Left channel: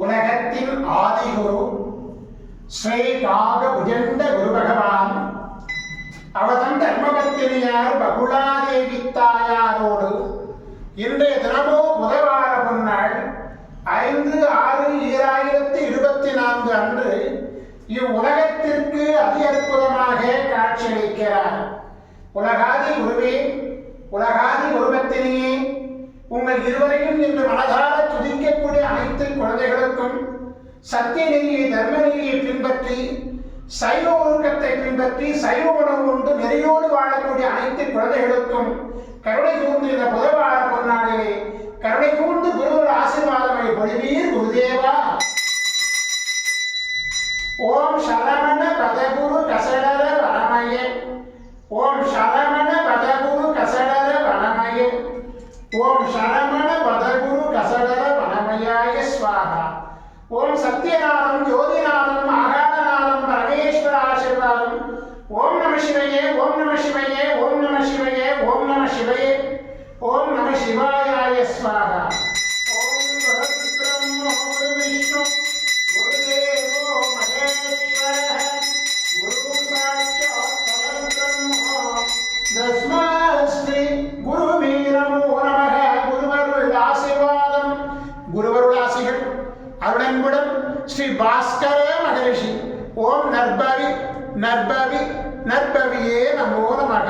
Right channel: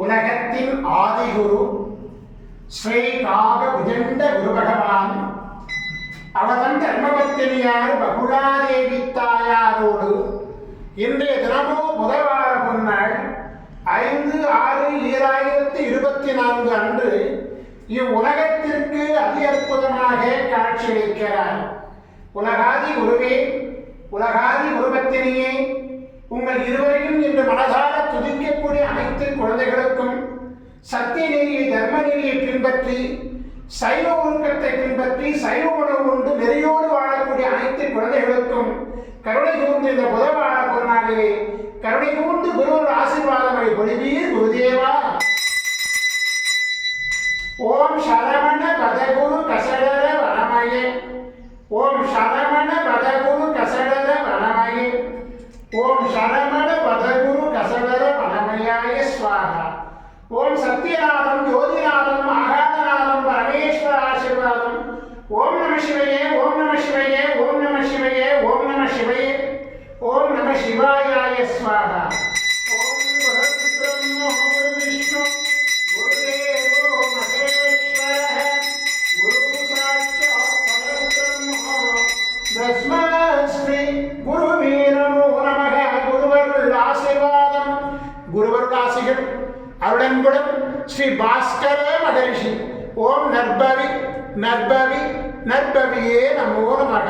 உலகத்தின் ஆதிகுரு ஸ்ரீ காக புஜண்ட குரு பகவான் அவதன் தர்மபத்தினியார் பகுலாதேவி தாயாரோடு இன்றைய தினமோ முதல்வார பொன்னாள் 5/6/2024 அன்று இவ்வுலகத்திற்கு அதி அற்புதமாக காட்சியளிக்கிறார். உலகாதி குருவே, உலகாதி குருபத்தினியே, உங்கள் இருவரையும் இன்று மனதார துதிக்கக்கூடிய அனைத்து குழந்தைகளுக்கும் சத்திய நெறியை தர்ம நெறியை பின்பற்றி சைவ ஒழுக்கத்தை பின்பற்றி சைவ உணவு உண்டு நெறியோடு வாழக்கூடிய அனைத்து குழந்தைகளுக்கும் கருணை கூர்ந்து இந்த புதவார பொன்னாளிலே கருணை கூர்ந்து குருவர் ஆசீர்வாதமை பொழிவீர் குருதேவா. ஓம் சரவண பதகுரு கசடர வனமயே, ஓம் சரவண பதகுரு கசடர வனமயே, ஓம் சரவண பதகுரு கசடர வனமயாய ஸ்வாஹா. ஓம் சத்யநாதம் ஜோதிநாதம் ஆகாதநாதம் பரமேஸ்வர ஆசீர்வாதம். ஓம் நம சிவயே, ஓம் நம சிவயே, ஓம் நம சிவயே, ஓம் நம சிவயே, ஓம் நம சிவாயாய ஸ்வாஹா. ஓம் குருபிரம்மோ குருவிஷ்ணு குருதேவோ மகேஸ்வரः குரு சாட்சாத் பரபிரம்மோ தஸ்மை ஸ்ரீ குருவீரமோ நமக. குருவருள் ஆசீர்வாதம், குருவருள் ஆசிகள் அருளன்புடன் ஸ்ரீ பாஸ்கர மகரிஷி. ஓம் நற்பவி நற்பவி நற்பவியே நமோ நமக.